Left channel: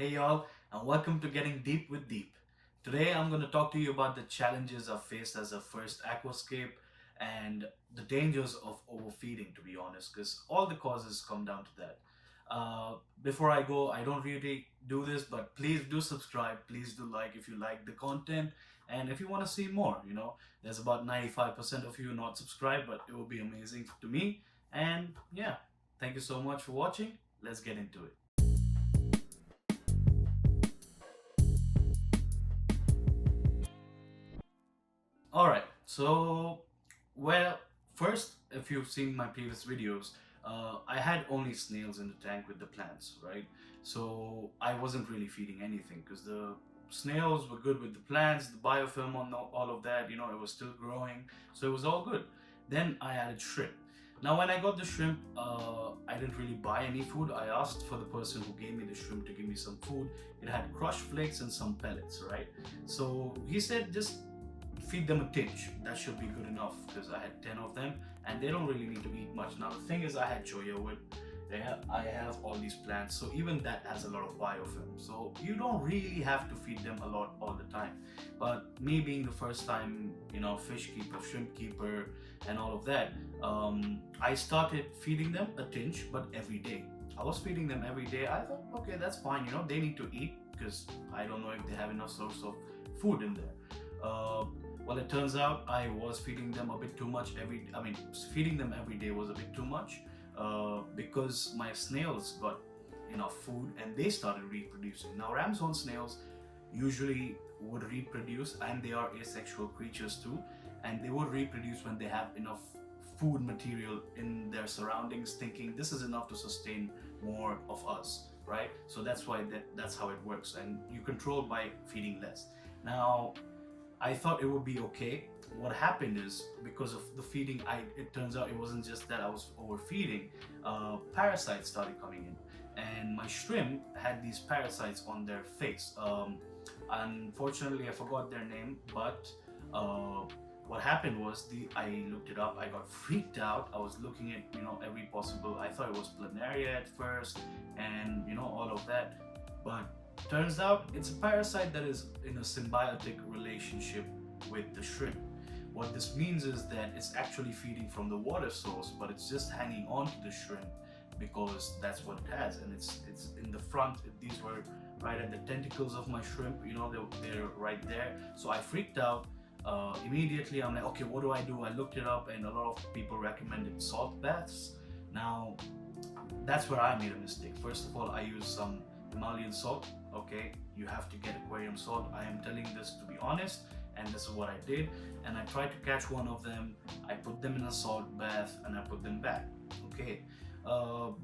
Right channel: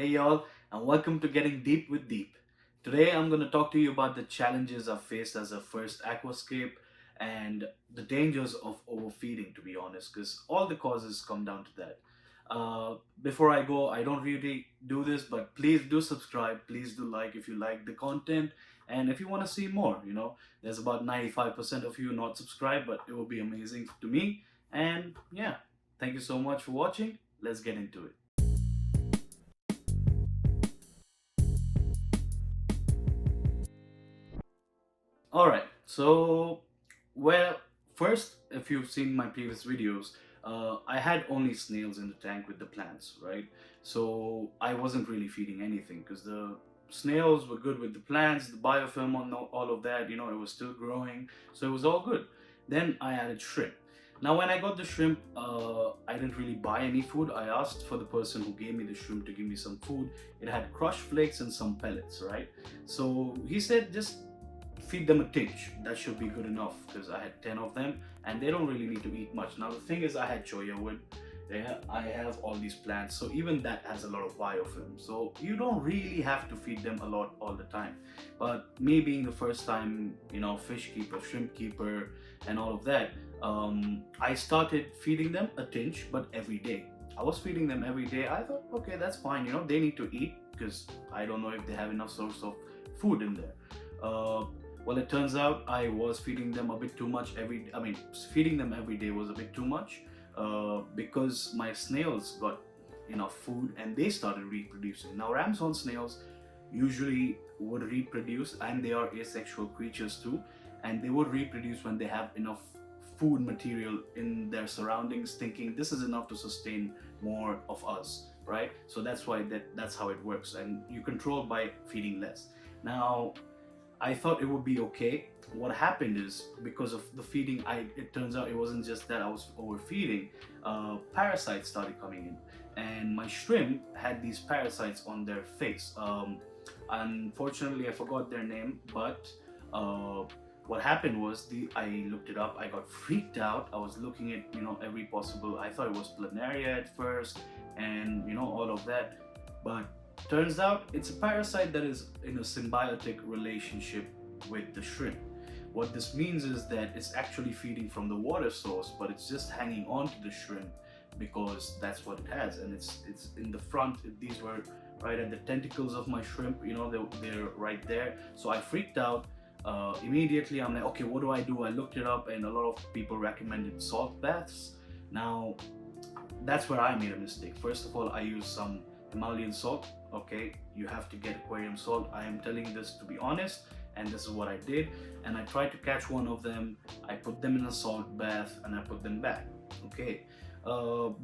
Hey y'all, and welcome to Getting Deep with Deep. Today I'm going to talk to you about the challenges I've faced as a first aquascape and the dangers of overfeeding, to be honest, because all the causes come down to that. Before I go, I don't really do this, but please do subscribe, please do like if you like the content, and if you want to see more, there's about 95% of you not subscribed, but it will be amazing to me. And yeah, thank you so much for watching. Let's get into it. All right. Well, first, if you've seen my previous videos, I had only snails in the tank with the plants, right? So I wasn't really feeding anything because the snails were good with the plants, the biofilm on all of that, it was still growing. So it was all good. Then I added shrimp. Now, when I got the shrimp, I didn't really buy any food. I asked for the person who gave me the shrimp to give me some food. It had crushed flakes and some pellets, right? So he said, just feed them a tinge. That should be good enough because I had 10 of them and they don't really need to eat much. Now the thing is, I had choya wood. Yeah, I have all these plants, so even that has a lot of biofilm. So you don't really have to feed them a lot all the time. But me being the first time, fish keeper, shrimp keeper, and all of that, I started feeding them a tinge, but every day. I was feeding them every day. I thought, okay, that's fine. They need to eat because I don't know if they have enough source of food in there. Uh, well, it turns out I was feeding them a bit too much feeding them every day was a bit too much because my snails got enough food and they started reproducing. Now, ramshorn snails usually would reproduce, and they are asexual creatures too, and they would reproduce when they have enough food material in their surroundings, thinking this is enough to sustain more of us, right? So that's why that's how it works, and you control by feeding less. Now, I thought it would be okay. What happened is, because of the feeding, it turns out it wasn't just that I was overfeeding. Parasites started coming in, and my shrimp had these parasites on their face. Unfortunately, I forgot their name, but uh, what happened was, I looked it up. I got freaked out. I was looking at every possible. I thought it was planaria at first, and all of that, but turns out it's a parasite that is in a symbiotic relationship with the shrimp. What this means is that it's actually feeding from the water source, but it's just hanging on to the shrimp because that's what it has, and it's in the front. These were right at the tentacles of my shrimp. They're right there. So I freaked out. Immediately, I'm like, okay, what do I do? I looked it up, and a lot of people recommended salt baths. Now, that's where I made a mistake. First of all, I used some Himalayan salt. Okay, you have to get aquarium salt. I am telling this to be honest, and this is what I did. And I tried to catch one of them. I put them in a salt bath and I put them back. Okay.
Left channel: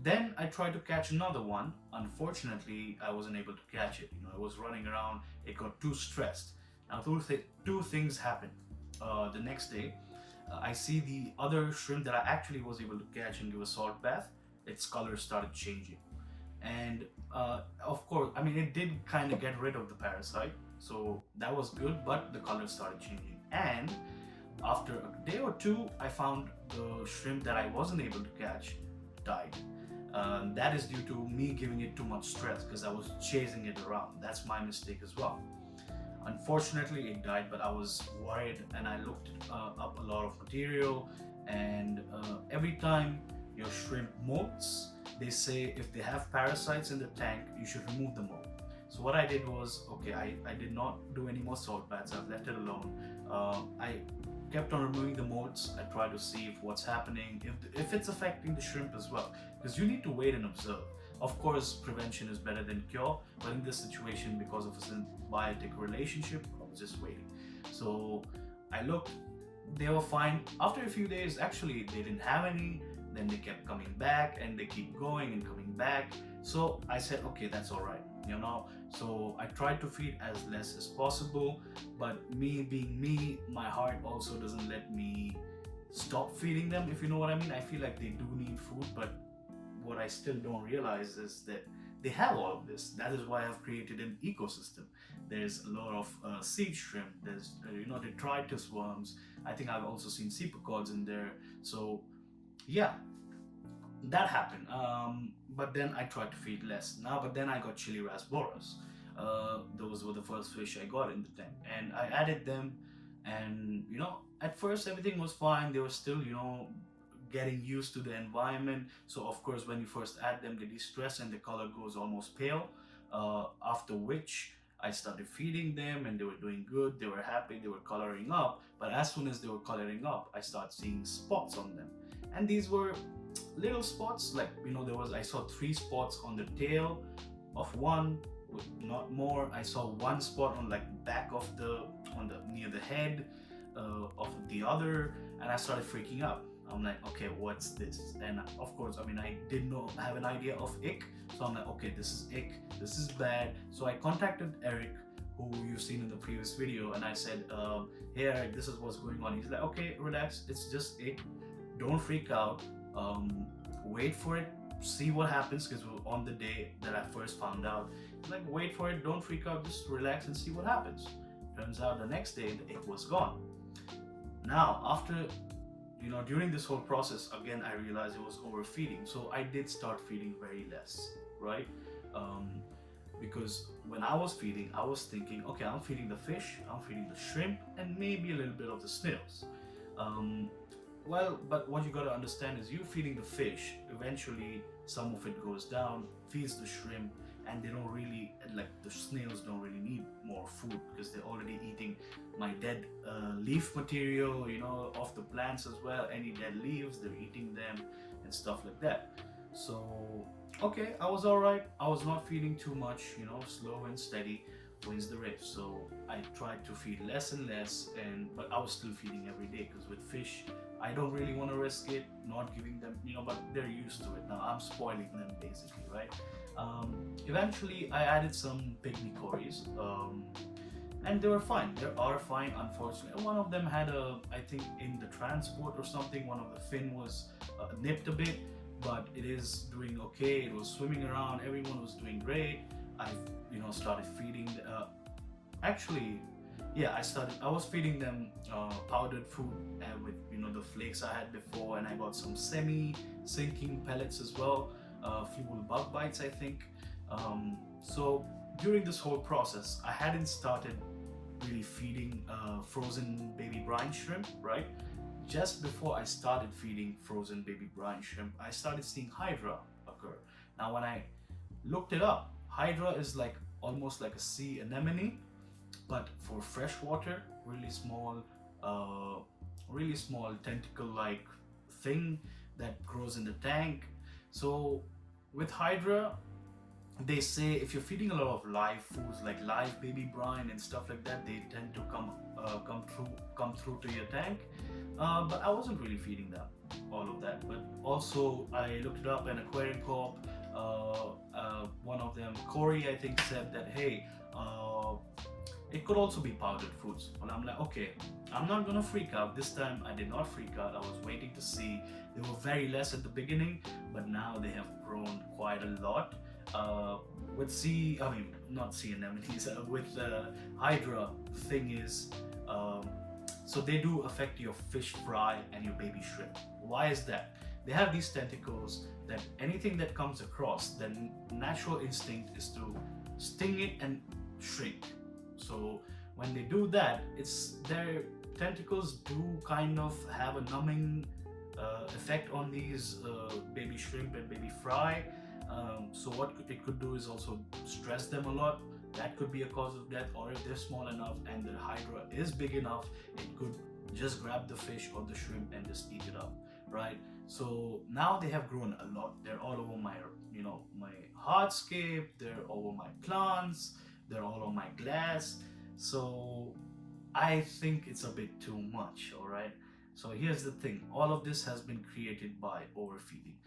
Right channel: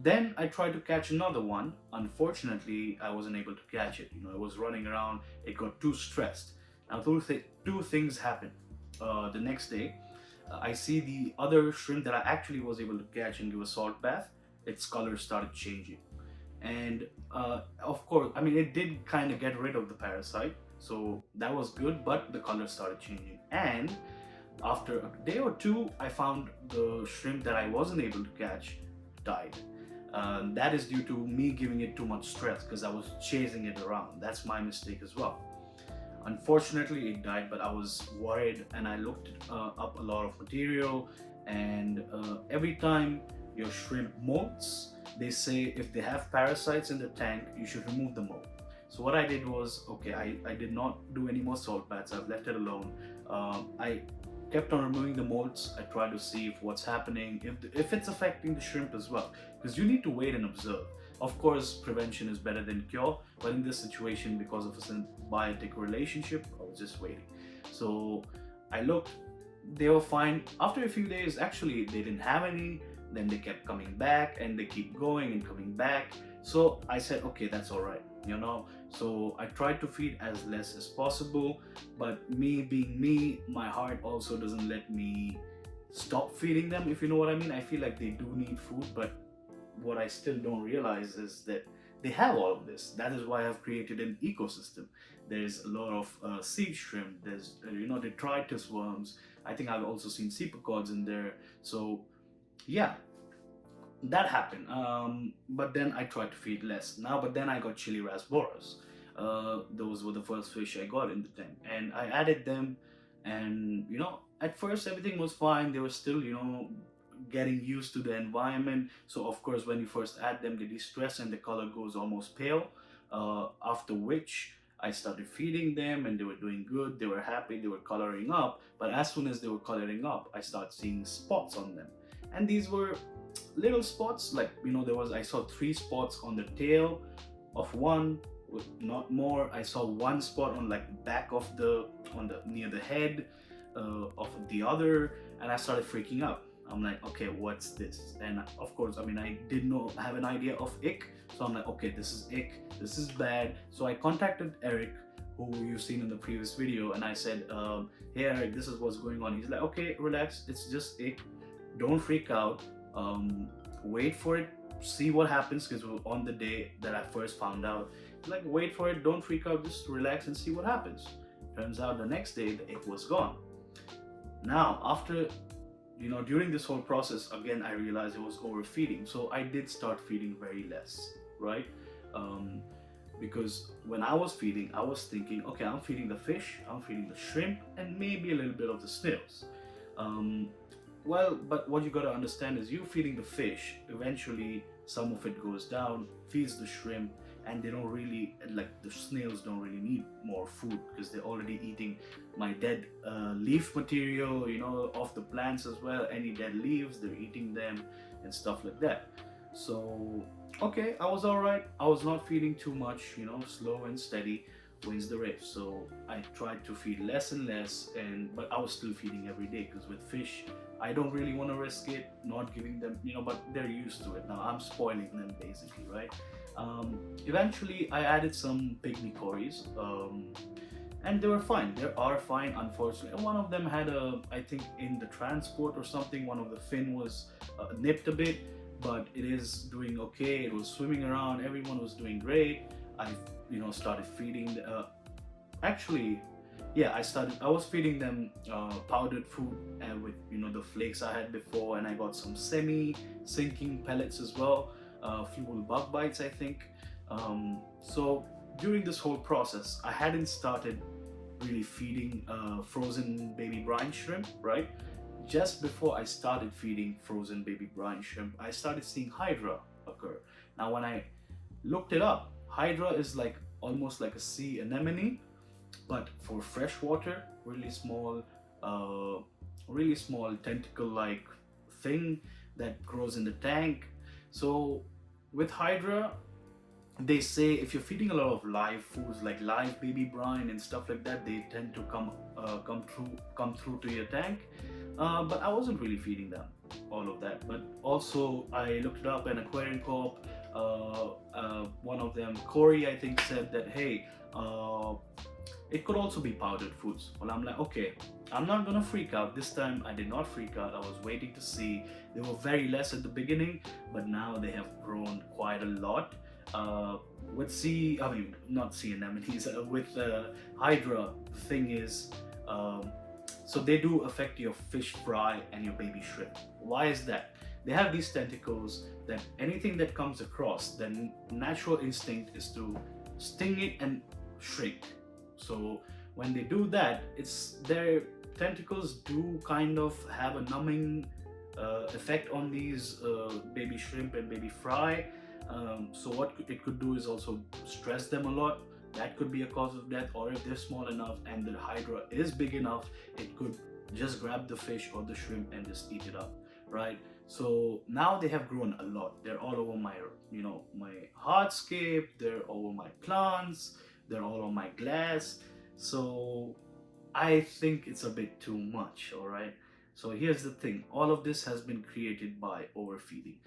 Then I tried to catch another one. Unfortunately, I wasn't able to catch it. It was running around. It got too stressed. Now, two things happened. The next day, I see the other shrimp that I actually was able to catch and give a salt bath. Its color started changing, and of course, it did kind of get rid of the parasite, so that was good, but the color started changing. And after a day or two, I found the shrimp that I wasn't able to catch died. That is due to me giving it too much stress because I was chasing it around. That's my mistake as well. Unfortunately, it died, but I was worried, and I looked up a lot of material. And every time your shrimp molts, they say if they have parasites in the tank, you should remove the mold. So what I did was, okay, I did not do any more salt baths. I've left it alone. I kept on removing the molds. I tried to see if what's happening, if it's affecting the shrimp as well, because you need to wait and observe. Of course, prevention is better than cure, but in this situation, because of a symbiotic relationship, I was just waiting. So I looked, they were fine. After a few days, actually, they didn't have any. Then they kept coming back, and they keep going and coming back. So I said, okay, that's all right. So I tried to feed as less as possible, but me being me, my heart also doesn't let me stop feeding them, if you know what I mean. I feel like they do need food, but what I still don't realize is that they have all of this. That is why I've created an ecosystem. There's a lot of seed shrimp, there's detritus worms. I think I've also seen cephalopods in there. So yeah, that happened. But then I tried to feed less now, but then I got chili rasboras. Those were the first fish I got in the tank, and I added them. And at first everything was fine. They were still getting used to the environment. So of course when you first add them, they de-stress and the color goes almost pale. After which I started feeding them and they were doing good, they were happy, they were coloring up. But as soon as they were coloring up, I started seeing spots on them. And these were little spots, like I saw 3 spots on the tail of one, with not more. I saw 1 spot on like the back of the on the near the head of the other, and I started freaking out. I'm like, okay, what's this? And of course, I mean, I did not have an idea of ick, so I'm like, okay, this is ick, this is bad. So I contacted Eric, who you've seen in the previous video, and I said, hey Eric, this is what's going on. He's like, okay, relax, it's just ick, don't freak out, wait for it, see what happens, because on the day that I first found out, like, wait for it, don't freak out, just relax and see what happens. Turns out the next day the ick was gone. Now after during this whole process, again, I realized it was overfeeding. So I did start feeding very less, right? Because when I was feeding, I was thinking, okay, I'm feeding the fish, I'm feeding the shrimp, and maybe a little bit of the snails. Well, but what you gotta understand is you feeding the fish, eventually some of it goes down, feeds the shrimp, and they don't really, like the snails don't really need more food because they're already eating my dead leaf material, off the plants as well. Any dead leaves, they're eating them and stuff like that. So, okay, I was alright. I was not feeding too much, slow and steady wins the race. So I tried to feed less and less, but I was still feeding every day because with fish, I don't really want to risk it not giving them, but they're used to it. Now I'm spoiling them basically, right? Eventually I added some pygmy cories, and they were fine. They are fine. Unfortunately, one of them had I think in the transport or something, one of the fin was nipped a bit, but it is doing okay. It was swimming around, everyone was doing great. I started feeding actually, yeah, I was feeding them powdered food and with the flakes I had before, and I got some semi-sinking pellets as well, fuel bug bites, I think. So during this whole process, I hadn't started really feeding frozen baby brine shrimp, right? Just before I started feeding frozen baby brine shrimp, I started seeing hydra occur. Now when I looked it up, hydra is like almost like a sea anemone, but for freshwater, really small tentacle-like thing that grows in the tank. So with hydra, they say if you're feeding a lot of live foods like live baby brine and stuff like that, they tend to come through to your tank. But I wasn't really feeding them all of that. But also I looked it up, an aquarium corp, one of them, Corey, I think, said that, hey, it could also be powdered foods. Well, I'm like, okay, I'm not gonna freak out. This time I did not freak out. I was waiting to see. They were very less at the beginning, but now they have grown quite a lot. With not sea anemones, with hydra, thing is, so they do affect your fish fry and your baby shrimp. Why is that? They have these tentacles that anything that comes across, the natural instinct is to sting it and shrink. So when they do that, their tentacles do kind of have a numbing effect on these baby shrimp and baby fry. So what it could do is also stress them a lot. That could be a cause of death. Or if they're small enough and the hydra is big enough, it could just grab the fish or the shrimp and just eat it up, right? So now they have grown a lot. They're all over my my hardscape, they're over my plants, they're all on my glass. So I think it's a bit too much. All right, so here's the thing, all of this has been created by overfeeding.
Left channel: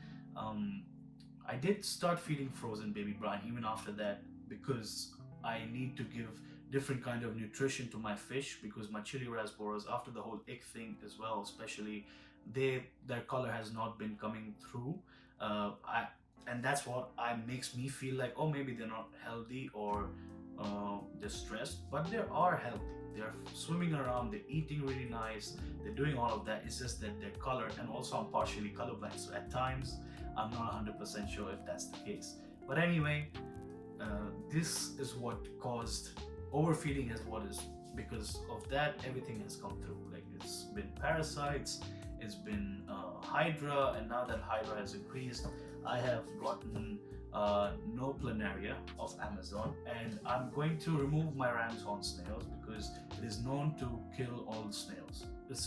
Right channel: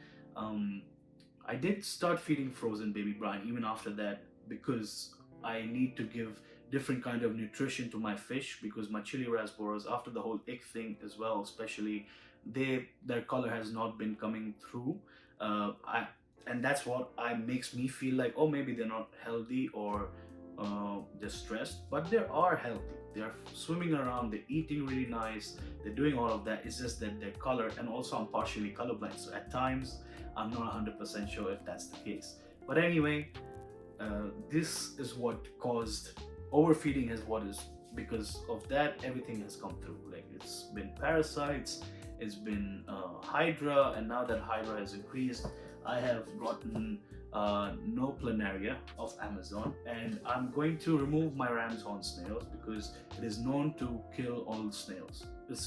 I did start feeding frozen baby brine even after that, because I need to give different kind of nutrition to my fish, because my chili rasboras, after the whole ick thing as well, especially, their color has not been coming through. And that's what makes me feel like, oh, maybe they're not healthy, or they're stressed, but they are healthy. They're swimming around, they're eating really nice, they're doing all of that. It's just that their color, and also I'm partially colorblind, so at times I'm not 100% sure if that's the case. But anyway, this is what caused overfeeding, is what is because of that everything has come through. Like, it's been parasites, it's been hydra, and now that hydra has increased, I have gotten no planaria of Amazon, and I'm going to remove my ram's horn snails because it is known to kill all snails. It's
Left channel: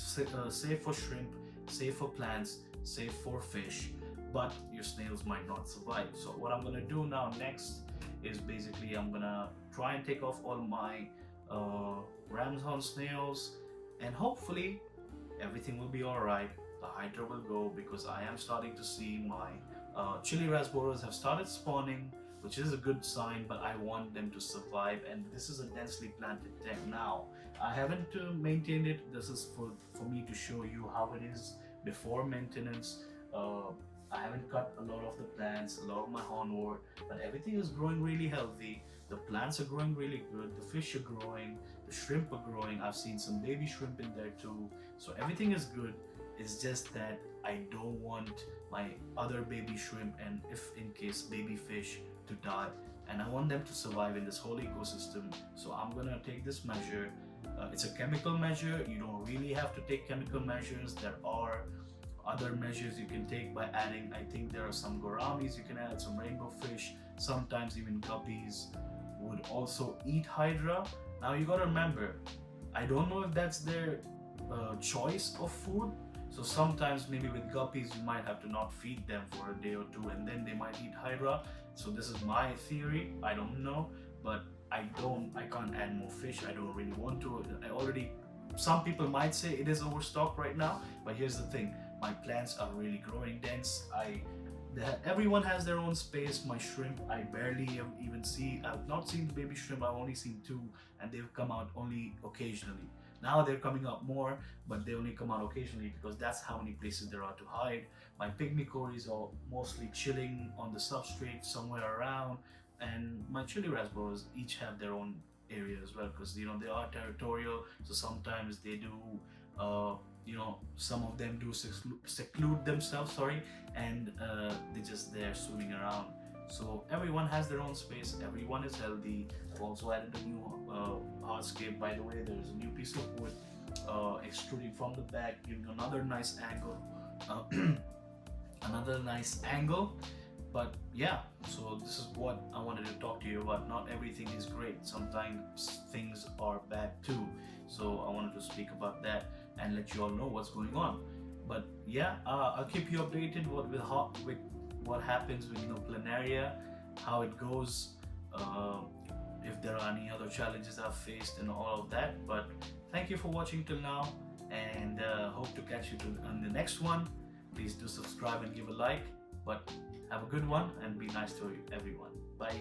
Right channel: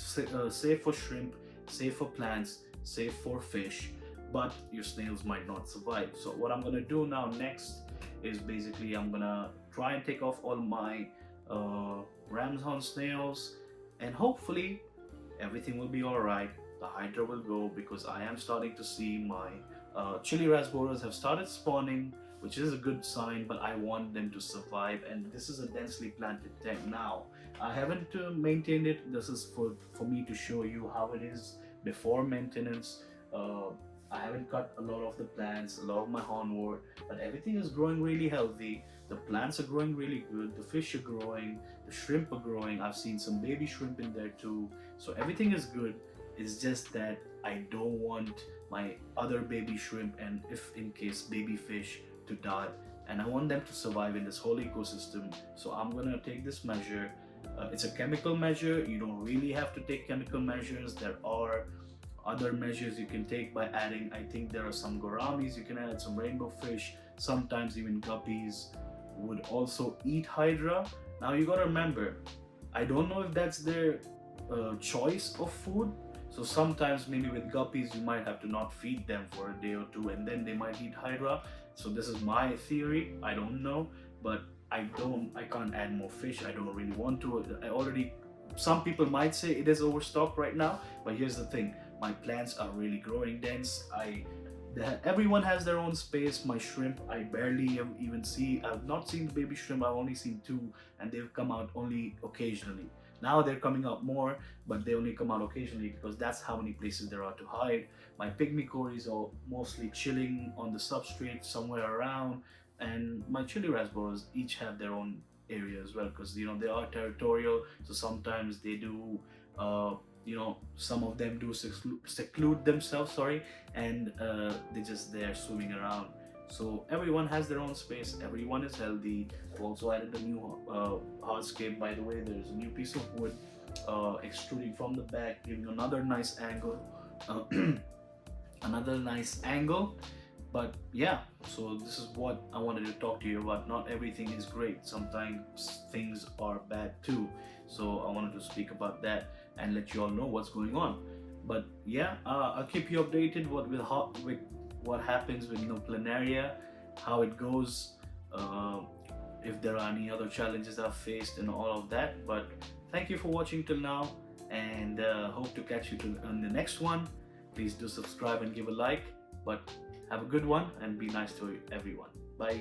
safe for shrimp, safe for plants, safe for fish, but your snails might not survive. So what I'm gonna do now next is basically I'm gonna try and take off all my ram's horn snails, and hopefully everything will be all right. The hydra will go, because I am starting to see my chili rasboras have started spawning, which is a good sign, but I want them to survive. And this is a densely planted tank now. I haven't maintained it. This is for me to show you how it is before maintenance. I haven't cut a lot of the plants, a lot of my hornwort, but everything is growing really healthy. The plants are growing really good, the fish are growing, the shrimp are growing. I've seen some baby shrimp in there too. So everything is good. It's just that I don't want my other baby shrimp, and if in case baby fish, to die, and I want them to survive in this whole ecosystem. So I'm gonna take this measure. It's a chemical measure. You don't really have to take chemical measures. There are other measures you can take by adding. I think there are some gouramis you can add, some rainbow fish, sometimes even guppies would also eat hydra. Now you gotta remember, I don't know if that's their choice of food. So sometimes maybe with guppies you might have to not feed them for a day or two, and then they might eat hydra. So this is my theory, I don't know, but I can't add more fish. I don't really want to. Some people might say it is overstocked right now, but here's the thing, my plants are really growing dense. Everyone has their own space. My shrimp, I barely even see. I've not seen the baby shrimp. I've only seen two, and they've come out only occasionally. Now they're coming out more, but they only come out occasionally because that's how many places there are to hide. My pygmy cories are mostly chilling on the substrate somewhere around, and my chili rasboras each have their own area as well, because they are territorial. So sometimes they do some of them do seclude themselves, and they're just there swimming around. So everyone has their own space, everyone is healthy. I've also added a new hardscape, by the way. There's a new piece of wood extruding from the back, giving another nice angle. Another nice angle. But yeah, so this is what I wanted to talk to you about. Not everything is great, sometimes things are bad too. So I wanted to speak about that and let you all know what's going on. But yeah, I'll keep you updated with what happens with planaria, how it goes, if there are any other challenges I've faced and all of that. But thank you for watching till now, and hope to catch you on the next one. Please do subscribe and give a like. But have a good one and be nice to everyone. Bye.